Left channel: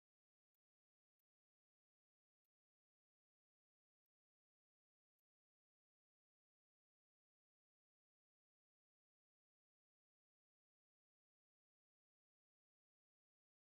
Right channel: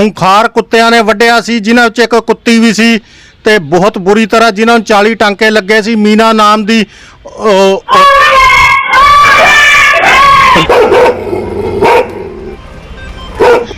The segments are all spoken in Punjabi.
ਖੁੰਖਾਰ ਕੁੱਤਿਆਂ ਨੇ ਵੱਢਿਆ ਸੀ, ਜਿਨ੍ਹਾਂ ਵਿੱਚ ਇੱਕ ਕੁੱਤੀ ਵੀ ਸੀ ਤੇ ਬਹੁਤ ਬੁਰੀ ਤਰ੍ਹਾਂ ਜਿਨ੍ਹਾਂ ਨੂੰ 40 ਟਾਂਕੇ ਲੱਗੇ ਸੀ, ਮੀਨਾ ਨਾਮ ਦੀ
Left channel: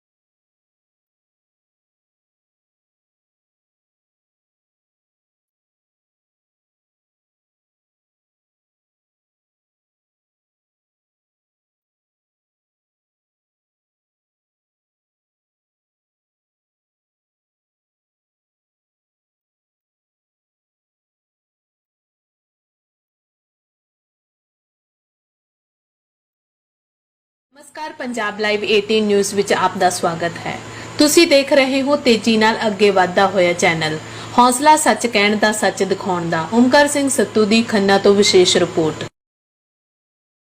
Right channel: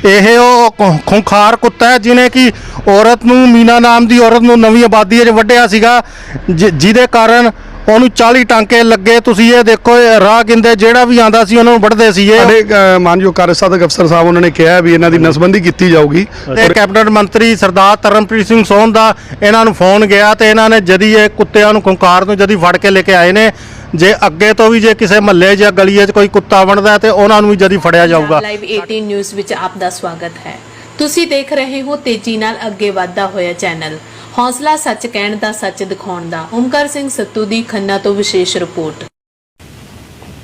ਇਹ ਉਹ ਖੁੰਖਾਰ ਕੁੱਤਾ ਹੈ ਜਿਨੇ ਕਿ ਔਰਤ ਨੂੰ, ਮੀਨਾ ਨਾਮ ਦੀ ਔਰਤ ਨੂੰ ਨਵੀਂ ਆਬਾਦੀ 'ਚ ਵੱਢਿਆ ਸੀਗਾ, ਜਿ- ਜਿਹਦੇ ਕਾਰਨ ਉਹਨੂੰ 40 ਟਾਂਕੇ ਲੱਗੇ ਤੁਸੀਂ ਇਹ ਦੇਖੋ ਇਹ ਰਾਹ ਗਿੰਦੇ ਜਿਹੜਾ ਵੀ ਆਂਦਾ ਸੀ ਉਹਨਾਂ ਨੂੰ ਵੱਢਦੇ ਸੀ ਇਹ। ਸਾਡੇ ਅ, ਮਾਨਯੋਗ ਕਾਰਜਸਾਧਕ ਅਫਸਰ ਸਾਹਿਬ ਉਹਨਾਂ ਨੇ ਕਿਹਾ ਵੀ ਇਹਨਾਂ ਦੀ ਨਸਬੰਦੀ ਕੀਤੀ ਜਾਊਗੀ। ਤੇ ਕੈਬਨਿਟ ਮੰਤਰੀ ਸਰਦਾਰ ਤਰਨਪ੍ਰੀਤ ਸਿੰਘ ਸੋਹਨ ਦਾ ਇਹਨਾਂ ਨੂੰ ਫੋਨ ਗਿਆ ਤੇ ਇਹਨਾਂ ਨੇ ਜਦੀ ਇਹ ਕੁੱਤਿਆਂ ਨੂੰ ਖੁੰਖਾਰ ਨੂੰ ਜਦੀ ਫੜ ਕੇ ਲੈ ਕੇ ਆਏ ਨੇ। ਜੇ ਅੱਗੇ ਤੋਂ ਵੀ ਜੇ ਕਿਸੇ ਮਹੱਲੇ ਜਾਂ ਗਲੀਏ 'ਚ ਕੋਈ ਕੁੱਤਾ ਬਣਦਾ ਤੇ ਉਹਨਾਂ ਨੂੰ ਵੀ ਜਦੀ ਫੜਿਆ ਜਾਊਗਾ। ਲਾਈਵ 18 ਨਿਊਜ਼ ਵਿੱਚ ਆਪ ਦਾ ਸਵਾਗਤ ਹੈ। ਤੁਸੀਂ ਦੇਖ ਰਹੇ ਹੋ ਤੇਜ਼ੀ ਨਾਲ ਅੱਗੇ ਵਧਦਾ ਹੋਇਆ ਚੈਨਲ। ਹੌਸਲਾ ਸੱਚ ਕਹਿਣ ਦਾ ਸੱਚ ਦਿਖਾਉਣ ਦਾ। ਓਮਕਾਰ ਸਿੰਘ ਸੱਤੂ ਦੀ ਖੰਨਾ ਤੋਂ ਵਿਸ਼ੇਸ਼ ਰਿਪੋਰਟ।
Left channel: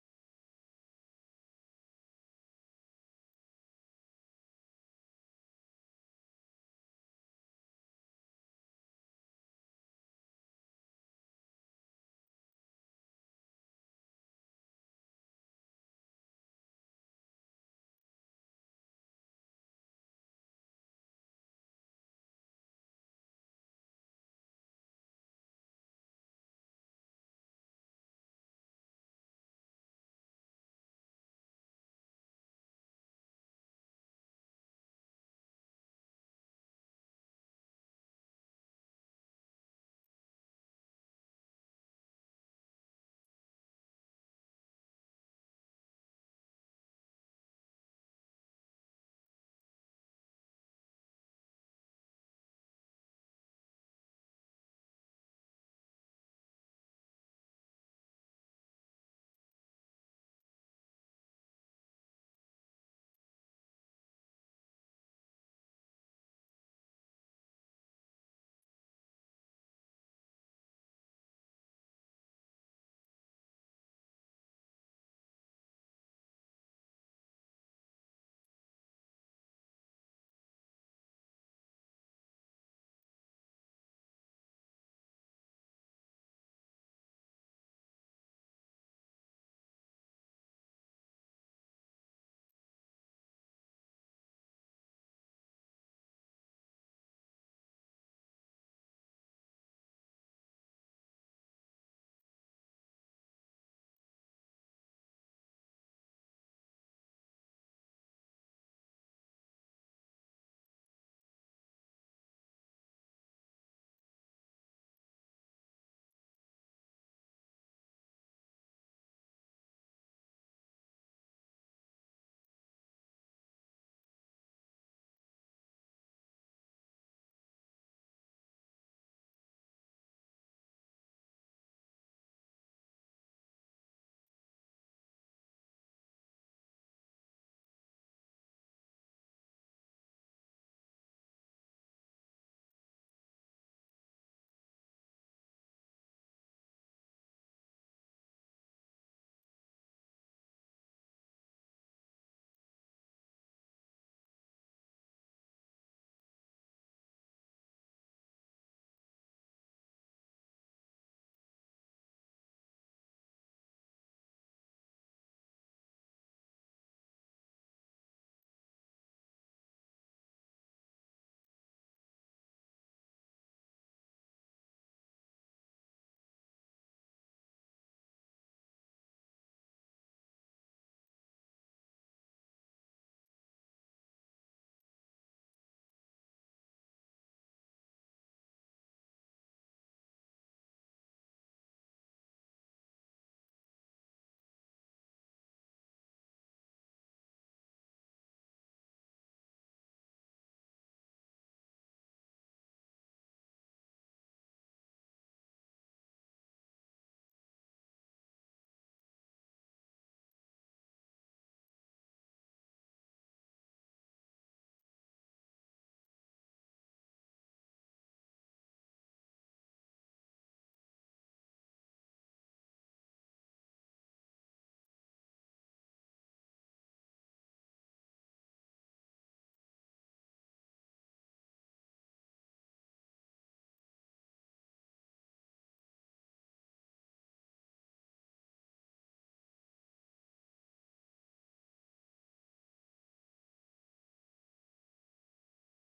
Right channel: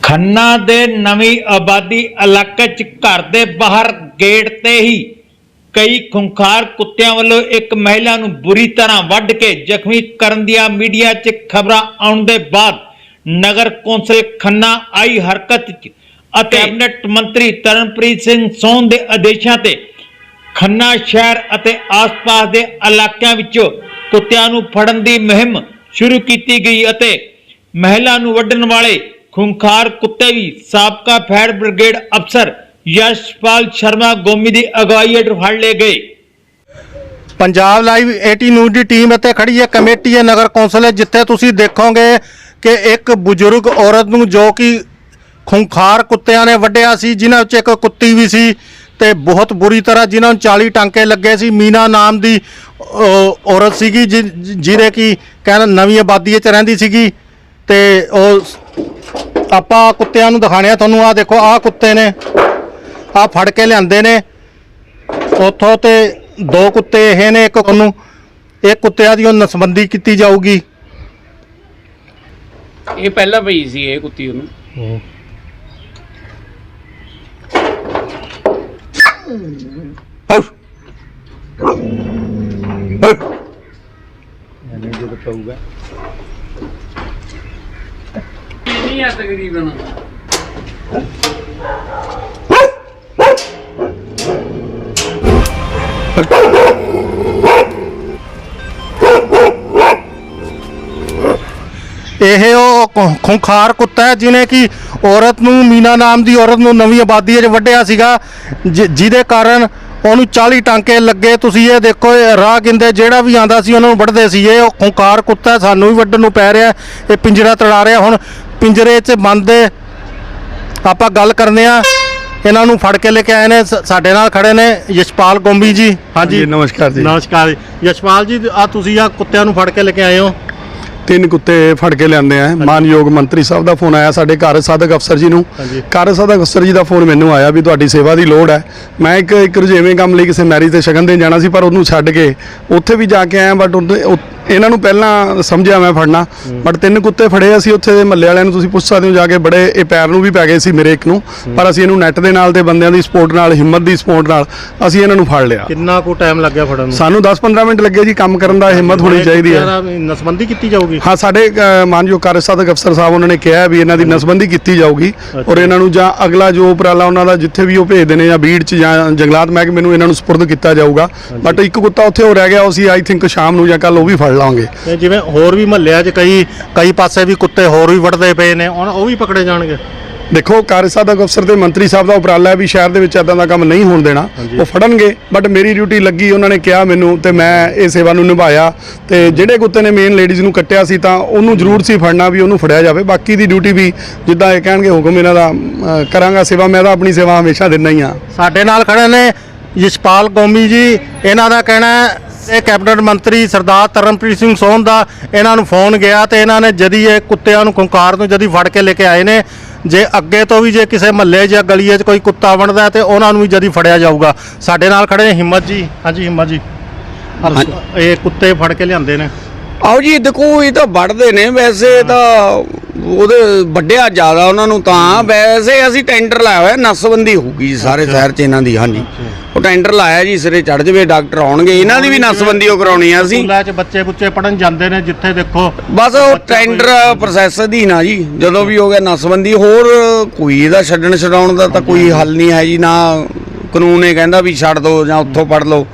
ਖੰਨਾ ਦੇ ਨਵੀਂ ਆਬਾਦੀ ਇਲਾਕੇ 'ਚ ਘਰ ਦੇ ਬਾਹਰ ਗੇਟ ਤੇ ਹੀ ਕਈ ਖੁੰਖਾਰ ਕੁੱਤਿਆਂ ਵੱਲੋਂ ਇੱਕ ਮਹਿਲਾ ਨੂੰ ਬੁਰੀ ਤਰ੍ਹਾਂ ਵੱਢ ਕੇ ਜ਼ਖਮੀ ਕਰਨ ਦੀਆਂ ਮੀਡੀਆ 'ਚ ਖਬਰਾਂ ਆਉਣ ਦੇ ਬਾਅਦ ਨਗਰ ਕੌਂਸਲ ਖੰਨਾ ਆਈ ਹਰਕਤ 'ਚ ਅਤੇ ਕੈਬਨਿਟ ਮੰਤਰੀ ਤਰਨਪ੍ਰੀਤ ਸਿੰਘ ਸੋਹਣ ਦੇ ਆਦੇਸ਼ਾਂ ਤੇ ਖੰਨਾ ਸ਼ਹਿਰ ਅਤੇ ਆਸ-ਪਾਸ ਦੇ ਇਲਾਕਿਆਂ ਵਿੱਚੋਂ ਕੁੱਤਿਆਂ ਨੂੰ ਫੜਨ ਦੀ ਮੁਹਿੰਮ ਸ਼ੁਰੂ ਕੀਤੀ ਗਈ ਅਤੇ ਮਹਿਲਾ ਨੂੰ ਵੱਢਣ ਵਾਲੇ ਖੁੰਖਾਰ ਕੁੱਤੇ ਵੀ ਸਾਬਕਾ ਫਾਇਰ ਬ੍ਰਿਗੇਡ ਅਫਸਰ ਯਸ਼ਪਾਲ ਸ਼ਰਮਾ ਗੋਮੀ ਦੀ ਅਗਵਾਈ ਹੇਠ ਫੜ ਲਏ ਗਏ। ਪੰਜਾਬ ਲਾਈਵ 18 ਨਿਊਜ਼ ਦੀ ਟੀਮ ਇੱਥੇ ਖੜੀ ਹੈ। ਕਮੇਟੀ ਹੈ, ਨਗਰ ਕੌਂਸਲ ਹੈ, ਜਿੱਥੇ ਤੁਸੀਂ ਦੇਖੋਗੇ ਕਿ ਇੱਕ ਬਜ਼ੁਰਗ ਔਰਤ ਨੂੰ ਜੋ ਕਿ ਖੁੰਖਾਰ ਕੁੱਤਿਆਂ ਨੇ ਵੱਢਿਆ ਸੀ, ਜਿਨ੍ਹਾਂ ਵਿੱਚ ਇੱਕ ਕੁੱਤੀ ਵੀ ਸੀ ਤੇ ਬਹੁਤ ਬੁਰੀ ਤਰ੍ਹਾਂ ਜਿਨ੍ਹਾਂ ਨੂੰ 40 ਟਾਂਕੇ ਲੱਗੇ ਸੀ ਮੀਨਾ ਨਾਮ ਦੀ ਔਰਤ ਸੀਗੀ ਜਿ- ਜਿਹਦੇ ਕੀ ਕਹਿੰਦਾ ਨਵੀਂ ਆਬਾਦੀ 'ਚ ਰਹਿੰਦੀ ਸੀਗੀ ਤੇ ਉਹ ਆਪਾਂ ਕੁੱਤਿਆਂ ਨੂੰ ਦਿਖਾਣਿਆ ਤੁਹਾਨੂੰ ਆਹ ਦੇਖੋ ਆਹ ਕੁੱਤੇ ਨੇ ਆਹ ਫੜ ਕੇ ਲਿਆਂਦੇ ਨੇ। ਉੱਥੋਂ ਤੇ ਦੋ ਕੁੱਤੇ ਇਹ ਨੇ ਇੱਕ ਉਹਨੂੰ ਇਹ ਕੁੱਤਿਆਂ ਦੀ ਉਹ ਨਸਬੰਦੀ ਕੀਤੀ ਜਾਊਗੀ। ਇਹ ਪਹਿਲਾਂ ਪਈ ਸੀ ਇਹ ਕੁੱਤੀ ਉਹਨੂੰ। ਨਹੀਂ ਆ ਤਕਰੀਬਨ? ਇਹ ਉਹ ਖੁ- ਖੁੰਖਾਰ ਕੁੱਤਾ ਹੈ ਜਿਨੇ ਕਿ ਔਰਤ ਨੂੰ ਮੀਨਾ ਨਾਮ ਦੀ ਔਰਤ ਨੂੰ ਨਵੀਂ ਆਬਾਦੀ 'ਚ ਵੱਢਿਆ ਸੀਗਾ ਜਿ- ਜਿਹਦੇ ਕਾਰਨ ਉਹਨੂੰ 40 ਟਾਂਕੇ ਲੱਗੇ ਤੁਸੀਂ ਇਹ ਦੇਖੋ ਇਹ ਰਾਹ ਗਿੰਦੇ ਜਿਹੜਾ ਵੀ ਆਂਦਾ ਸੀ ਉਹਨਾਂ ਨੂੰ ਵੱਢਦੇ ਸੀ ਇਹ ਉਹ ਖੁੰਖਾਰ ਕੁੱਤਾ ਸਾਨੂੰ ਵੀ ਵੱਢਣ ਨੂੰ ਪੈ ਰਿਹਾ ਇਹ ਪਿੰਜਰਾ ਤੜਾ ਰਿਹਾ। ਹੁਣ ਪਿੰਜਰੇ 'ਚ ਬੰਦ। ਆਪਾਂ ਗੱਲ ਕਰਨੇ ਆ। ਇਹਨਾਂ ਨੂੰ ਫੜ ਕੇ ਲੈ ਕੇ ਆਏ ਨੇ। ਸ- ਸਾਡੇ ਨਾਲ ਖੜੇ ਨੇ ਯਸ਼ਪਾਲ ਗੋਂਬੀ ਜੀ। ਜੀ ਨਮਸਕਾਰ ਜੀ। ਨਮਸਕਾਰ ਯਸ਼ਪਾਲ ਜੀ ਆ ਤੁਸੀਂ ਆ ਕੁੱਤਿਆਂ ਨੂੰ ਫੜ ਕੇ ਲੈ ਕੇ ਆਏ ਹੋ। ਤਿੰਨ ਕੁੱਤੇ ਫੜ ਕੇ ਲਿਆਂਦੇ ਆ। ਮਾਨਯੋਗ ਮੰਤਰੀ ਸਾਹਿਬ ਦਾ ਫੋਨ ਆਇਆ ਸਾਡੇ ਕਾਰਜ ਸਾਧਕ ਅਫਸਰ ਜੀ ਨੂੰ। ਕਾਰਜ ਸਾਧਕ ਅਫਸਰ ਜੀ ਦਾ ਫੋਨ ਮੈਨੂੰ ਆਇਆ ਵੀ ਤੁਹਾਡੀ ਸੇਵਾ ਦੀ ਲੋੜ ਹੈ। ਮੈਂ ਇੱਕ ਇੱਕ ਰੁਝੇਵੇਂ ਕੰਮ ਲਈ ਕਿਸੇ ਮੈਰਿਜ ਤੇ ਸ਼ਗਨ ਦੇਣ ਜਾਣਾ ਸੀ ਪਰ ਉਹਨੂੰ ਛੱਡ ਕੇ ਉੱਥੇ ਵੀ ਜਾ ਕੇ ਆਇਆ ਬਟ ਇਹਨਾਂ ਨੂੰ ਪਹਿਲਾਂ ਸਮਝਿਆ ਮੈਂ ਫੜਨਾ ਬਟ ਤਿੰਨ ਕੁੱਤੇ ਫੜੇ ਅਸੀਂ ਉੱਥੇ ਦੇ ਮੱਲੇ ਵਾਲਿਆਂ ਨੂੰ ਤੁਸੀਂ ਪੁੱਛ ਸਕਦੇ ਹੋ ਜਾ ਕੇ ਬੜੇ ਇਹ ਪੈਰ ਨੂੰ ਵੀ ਪੈ ਗਏ ਸੀ ਮੇਰੇ ਇੱਕ ਨੂੰ ਪਰ ਅਸੀਂ ਇਹਨੂੰ ਨੈਟ ਦੇ ਨਾਲ ਤੇ ਬੰਦਿਆਂ ਦੀ ਸਪੋਰਟ ਨਾਲ ਹਿੰਮਤ ਦੀ ਸਪੋਰਟ ਨਾਲ ਅਸੀਂ ਇਹਨਾਂ ਨੂੰ ਫੜ ਲਿਆ। ਕਿੰਨਾ ਕੁ ਟਾਈਮ ਲੱਗਿਆ ਫੜਨ ਨੂੰ? ਸਾਨੂੰ 10-15 ਮਿੰਟ ਲੱਗੇ ਜੀ ਕੰਮ ਕਰਨ ਦਾ ਹਿੰਮਤ ਹੋਣੀ ਚਾਹੀਦੀ ਹੈ। ਨਸਬੰਦੀ ਕੀਤੀ ਜਾਊਗੀ? ਹਾਂ ਸਾਡੇ ਮਾਨਯੋਗ ਕਾਰਜਸਾਧਕ ਅਫਸਰ ਸਾਹਿਬ ਉਹਨਾਂ ਨੇ ਕਿਹਾ ਵੀ ਇਹਨਾਂ ਦੀ ਨਸਬੰਦੀ ਕੀਤੀ ਜਾਊਗੀ ਔਰ ਇਹਨਾਂ ਨੂੰ ਜਾਂ ਅਗਲਾ ਜੋ ਉਪਰਾਲਾ ਉਹਨਾਂ ਦਾ ਜਿੱਥੇ ਵੀ ਉਹ ਭੇਜਦੇ ਨੇ ਜਾਂ ਬੀੜ ਚ ਜਾਂ ਜੰਗਲਾਤ ਮਹਿਕਮੇ ਨੂੰ ਇਹਨਾਂ ਨੂੰ ਸਪੁਰਦ ਕੀਤਾ ਜਾਊਗਾ ਬਟ ਇੱਕ ਕੁੱਤਾ ਉੱਥੇ ਹੋ ਰਹਿ ਗਿਆ ਉਹ ਅਸੀਂ ਆਈ ਥਿੰਕ ਸ਼ਾਮ ਨੂੰ ਜਾਂ ਕੱਲ ਉਹ ਵੀ ਫੜ ਲਾਂਗੇ ਤੇ ਜਿਵੇਂ ਹੋਰ ਵੀ ਮਹੱਲਿਆਂ 'ਚ ਕਈ ਕਈ ਪਾਸੇ ਵੀ ਕੁੱਤੇ ਹੋਰ ਵੀ ਵੜਦੇ ਪਏ ਨੇ ਹੁਣ ਉਹ ਵੀ ਪਕੜੇ ਜਾਣਗੇ। ਦੇਖੋ ਕਾਰਜਸਾਧਕ ਅਫਸਰ ਤੇ ਮੰਤਰੀ ਸਾਹਿਬ ਦਾ ਉਪਰਾਲਾ ਹੈ ਵੀ ਸ਼ਹਿਰ ਦੇ ਵਿੱਚ ਇਦਾਂ ਦਾ ਕੰਮ ਨਹੀਂ ਹੋਣ ਦੇਣਾ। ਉਹ ਫੜਨਗੇ ਬਟ ਮੇਰੀ ਡਿਊਟੀ ਲੱਗੀ ਉਹਨਾਂ ਨੇ ਕਿਹਾ ਮੈਨੂੰ ਤੇ ਮੈਂ ਇਹ ਸੇਵਾ ਨੂੰ ਨਿਭਾਇਆ। ਤੇ ਜਿਹੜੇ ਕੁੱਤੇ ਨੇ ਮੇਨ ਲੇਡੀਜ਼ ਨੂੰ ਕੱਟਿਆ ਸੀ ਤਾਂ ਉਹਨੂੰ ਜ਼ਰੂਰ ਸੀ ਫੜਨਾ ਵੀ ਉਹਨੂੰ ਫੜਿਆ ਜਾਵੇ। ਬਾਕੀ ਦੀ ਡਿਊਟੀ ਵੀ ਜਿੱਦਾਂ ਇਹ ਕਹਿਣਗੇ ਹੁਕਮ ਇਹਨਾਂ ਦਾ ਅ, ਕਰਾਂਗਾ ਸੇਵਾ ਮੈਂ ਤਾਂ ਆਪਣੀ ਸੇਵਾ ਹਮੇਸ਼ਾ ਦਿੰਦਾ ਹੀ ਆ ਸਾਡੇ ਨਾਲ ਖੜੇ ਨੇ ਯਸ਼ਪਾਲ ਗੋਮੀ ਜੀ ਇਹਨਾਂ ਦਾ ਕਹਿਣਾ ਹੈ ਇਹ ਕੈਬਨਿਟ ਮੰਤਰੀ ਸਰਦਾਰ ਤਰਨਪ੍ਰੀਤ ਸਿੰਘ ਸੋਹਨ ਦਾ ਇਹਨਾਂ ਨੂੰ ਫੋਨ ਗਿਆ ਤੇ ਇਹਨਾਂ ਨੇ ਜਦੀ ਇਹ ਕੁੱਤਿਆਂ ਨੂੰ ਖੁੰਖਾਰ ਨੂੰ ਜਦੀ ਫੜ ਕੇ ਲੈ ਕੇ ਆਏ ਨੇ। ਜੇ ਅੱਗੇ ਤੋਂ ਵੀ ਜੇ ਕਿਸੇ ਮਹੱਲੇ ਜਾਂ ਗਲੀਏ 'ਚ ਕੋਈ ਕੁੱਤਾ ਬਣਦਾ ਤੇ ਉਹਨਾਂ ਨੂੰ ਵੀ ਜਦੀ ਫੜਿਆ ਜਾਊਗਾ। ਸਾਡੇ ਨਾਲ ਖੜੇ ਨੇ ਹਿੰਮਤ ਜੀ। ਹਾਂਜੀ ਹਿੰਮਤ ਜੀ। ਇਹ ਕੁੱਤੇ ਫੜ ਕੇ ਲਿਆਂਦੇ ਨੇ। ਆਓ ਜੀ ਦੇਖੋ ਇਹ ਤਾਂ ਵੱਢਦੇ ਨੇ ਵੈਸੇ ਤਾਂ ਉਹਦੇ ਵੱਡਿਆ ਜ਼ਿਆਦਾ ਉਹਨਾਂ ਨੂੰ ਤਾਂ। ਵੈਸੇ ਅਸੀਂ ਟੈਂਡਰ ਲਾਇਆ ਹੋਇਆ ਨਸਬੰਦੀ ਹੋਊਗੀ ਜੀ ਸਾਰੇ ਸ਼ਹਿਰ 'ਚ ਇਹਨਾਂ ਦੀ ਹਾਂਜੀ। ਉਹ ਟੈਂਡਰ ਲਾਇਆ ਜੀ ਸਿਰੇ ਚੜ ਜਵੇ ਡਾਕਟਰ ਆਉਣਗੇ। ਇਹਨਾਂ ਦੀ ਵੀ ਨਸਬੰਦੀ ਉਹ ਕਰਾਉਣੀ ਆ ਅਸੀਂ। ਸਕੂਲਾਂ 'ਚ ਬੱਚੇ ਬੁੱਚੇ ਪੜਨ ਜਾਂਦੇ ਨੇ ਜਿੱਥੇ ਦੇਖੋ ਬਸ ਉਹ ਟੈਂਡਰ ਪ੍ਰੋਸੈਸ ਅਧੀਨ ਆ ਜੀ ਜਦੋਂ ਵੀ ਹੋ ਗਿਆ ਨਸਬੰਦੀ ਹੋਰ ਕੋਈ ਇਹਦਾ ਛੱਡਣ ਛਡਾਉਣ ਦਾ ਤਾਂ ਕੋਈ ਹੱਲ ਨਹੀਂ ਹੈ ਜੀ ਨਾ ਕਾਨੂੰਨ ਇਹ ਕਹਿੰਦਾ ਵੀ ਛੱਡ ਦਿਓ ਜਾਂ ਉੱਥੋਂ ਪੜ ਲਓ।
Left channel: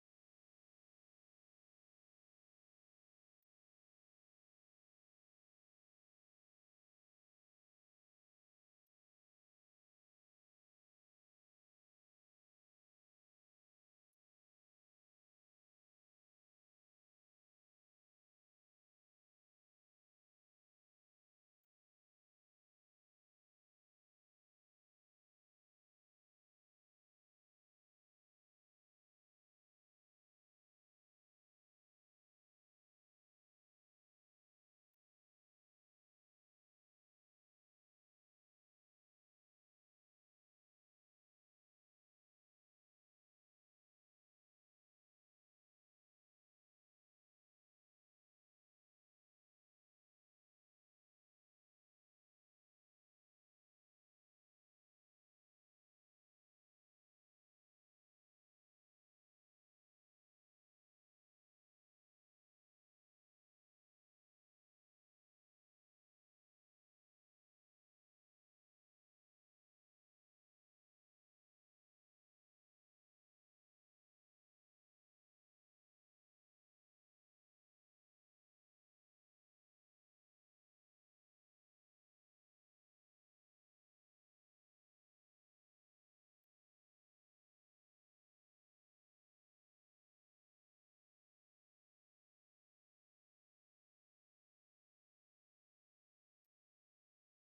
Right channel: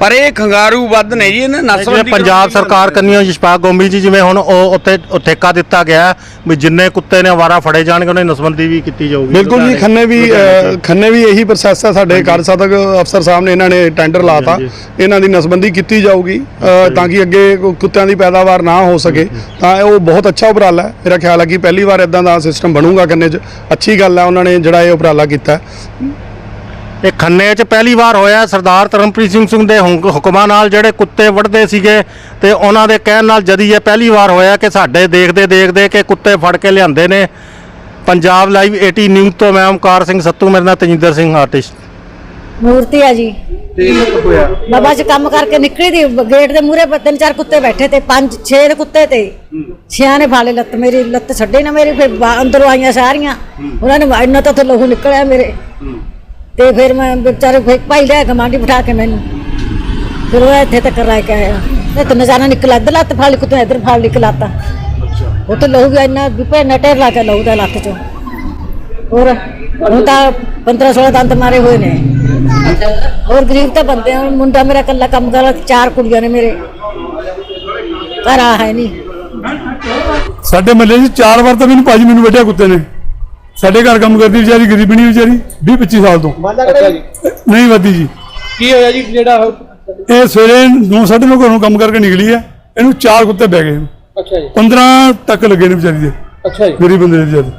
ਪਰ ਇਹ ਖੰਗਾਰੂ ਵੱਧ ਨੇ ਜੀ ਇਹਨਾਂ ਨਸਲ ਪੰਜਾਬ ਸਰਕਾਰ ਕੰਨੀਓ ਯਸ਼ਪਾਲ ਗੋਮੀ ਜੀ ਜਿਵੇਂ ਹੁਣ ਉਹ ਉੱਥੇ ਠੇਕਾ ਦਿੱਤਾ ਗਿਆ ਵੀ ਜਿੰਨੇ ਕੁੱਤੇ ਨੇ ਅਵਾਰਾ ਫੜੇ ਜਾਣਗੇ ਉਹਨਾਂ ਦੀ ਨਸਬੰਦੀ ਵੀ ਕੀਤੀ ਜਾਊਗੀ। ਬਿਲਕੁਲ ਜੀ ਖੰਨੇ ਵੀ ਖੰਨੇ ਵੀ ਇਹੀ ਪ੍ਰੋਸੈਸ ਹੈ ਸਾਡੇ ਕਾਰਜਸਾਧਕ ਅਫਸਰ ਸਾਹਿਬ ਨੇ ਇਹਨਾਂ ਨੇ ਟੈਂਡਰ ਲਾਤਾ। ਇਹਨਾਂ ਦੀ ਨਸਬੰਦੀ ਕੀਤੀ ਜਾਊਗੀ ਤਾਂ ਕਿ ਅੱਗੇ ਕੁੱਤਿਆਂ ਦੀ ਪੈਦਾਵਾਰ ਨਾ ਹੋ ਸਕੇ। ਤਾਂ ਇਹ ਉਹ ਬਹੁਤ ਅੱਛਾ ਉਪਰਾਲਾ ਹੈ। ਮੇਰਾ ਖਿਆਲ ਹੈ ਕਿ ਪਹਿਲੀ ਵਾਰ ਇਦਾਂ ਦਾ ਸਿਸਟਮ ਬਣੂਗਾ ਖੰਨੇ 'ਚ। ਅੱਛੀ ਗੱਲ ਹੈ ਉਹਨਾਂ ਨੇ ਜਿਹੜਾ ਇਹ ਉਪਰਾਲਾ ਕੀਤਾ। ਇਹ ਖੰਨੇ 'ਚ ਪਹਿਲੀ ਵਾਰ ਹੋਇਆ ਸਰਦਾਰ ਧਰਮਪ੍ਰੀਤ ਸਿੰਘ ਸਿੰਘ ਦੇ ਹੁਕਮਾਂ ਨਾਲ ਜਿਹੜੇ ਕੁੱਤੇ ਵੱਢਦੇ ਸੀਗੇ ਤੇ ਉਹਨਾਂ ਦੇ ਕਹਿਣ ਨਾਲ ਜਦੀ ਇਹ ਪਹਿਲੀ ਵਾਰ ਹੋਇਆ ਕਿ ਸਾਡੇ ਦੇਖਦੇ ਦੇਖਦੇ ਕਿ ਕੁੱਤੇ ਫੜ ਕੇ ਲਿਆਂਦੇ ਨੇ। ਪੰਜਾਬ ਲਾਈਵ 80 ਨਿਊਜ਼ ਤੋਂ ਮੈਂ ਓਮਕਾਰ ਸਿੰਘ ਸੱਤੂ ਮੇਰੇ ਨਾਲ ਤਜਿੰਦਰ ਸਿੰਘ ਆਰਟਿਸਟ। ਮੂਰਤੀ ਆ ਜੀ। ਬਾਬਾ ਜੀ ਕੰਮ ਕਰਕੇ ਨਿਕਲੀ ਦੀ ਗੇਟ ਦੇ ਮੂਹਰੇ ਤਿੰਨ ਚਾਰ ਕੁੱਤੇ ਬੈਠੇ ਤੇ ਪੰਜ ਛੇ ਦੇ ਕੁੱਤੇ ਤੇ। ਛਿਆਂ ਨੇ ਫਾਲੇ ਲੱਤ ਮੇਰੀ ਲੱਤ ਛੱਡੇ ਨਾ ਮੇਰੀ ਫਿਰ ਬਾ- ਅੰਦਰੋਂ ਆਈਆਂ ਸਾਰੀਆਂ। ਉਹਨਾਂ ਨੇ ਇੰਨਾ ਤਾਂ ਉੱਥੇ ਲਹੂ ਨਿਕਲਿਆ ਮੇਰੇ। ਤੇ ਫਿਰ ਮੈਂ ਵਿਚਾਰੇ ਫਿਰ ਭਾਈ ਲੈ ਕਮਾਂਡੀ ਬਿਠਾ ਕੇ ਮੈਨੂੰ। ਫਿਰ ਉਹ ਇੱਥੇ ਤੱਕ ਰਹਿ ਕੇ ਆਇਆ। ਤੇ ਤਿੰਨ ਚਾਰਾਂ ਨਿਕਲ ਇੱਧਰ ਲੱਤ ਫਾਲੀ ਕੁੱਤੇ ਇੱਧਰ ਫਾਲ ਨਿਕਲਾਤਾ ਉੱਥੇ ਲਹੂ ਵੀ ਇੰਨਾ ਵਿਪੇ ਨਟੇਰ ਲਾ ਕੇ ਲਹੂ ਦਾ ਲੱਤ ਚੋਂ। ਹੋਰ ਹੁਣ ਤਾਂ 15 16 ਦੰਦ ਮਾਰੇ ਹੋਏ ਨੇ। ਹੋਰ ਗਰੀਬ ਤਾਂ ਬੰਦੇ ਆ। ਮੁੰਡਾ ਮੇਰਾ ਇਕੱਲਾ ਕੰਮ ਕਰਦਾ ਚਾਰ ਕੁੜੀਆਂ ਨੇ ਮੇਰੇ। ਘਰ ਆ ਹੈ ਨਹੀਂ। ਸਾਡੇ ਮਹੱਲੇ 'ਚ ਚਾਰ ਵਾਰ ਤਾਂ ਮੈਨੂੰ ਭਾਜੀ ਮੈਨੂੰ ਵੱਢਿਆ ਕੁੱਤੇ ਨੇ। ਸਾਡੇ ਘਰ ਕੰਮ ਕਰਦੀ ਵਿਚਾਰੀ ਗਰੀਬਣੀ ਵਿਚਾਰੀ 20 25 ਸਾਲ ਤੋਂ। ਨਹੀਂ ਵੱਧੀ ਜੀ। ਕੀ ਹੋਇਆ ਜੀ ਜਿਹੜਾ ਇਹ ਸਵੇਰੇ 9:30 ਨੂੰ ਘਰੋਂ ਕੰਮ ਕਰਕੇ ਨਿਕਲੀ ਹੈ। ਇਹਨੂੰ ਚਾਰ ਕੁੱਤੇ ਬਹਿ ਗਏ। ਅੱਛਾ ਜੀ। 15 ਤੱਕ ਲੱਗੇ ਨੇ ਵਿਚਾਰੀ ਦੇ। ਅੱਛਾ ਜੀ। ਗਰੀਬ ਬੰਦੇ ਦੇ ਵਿਚਾਰੇ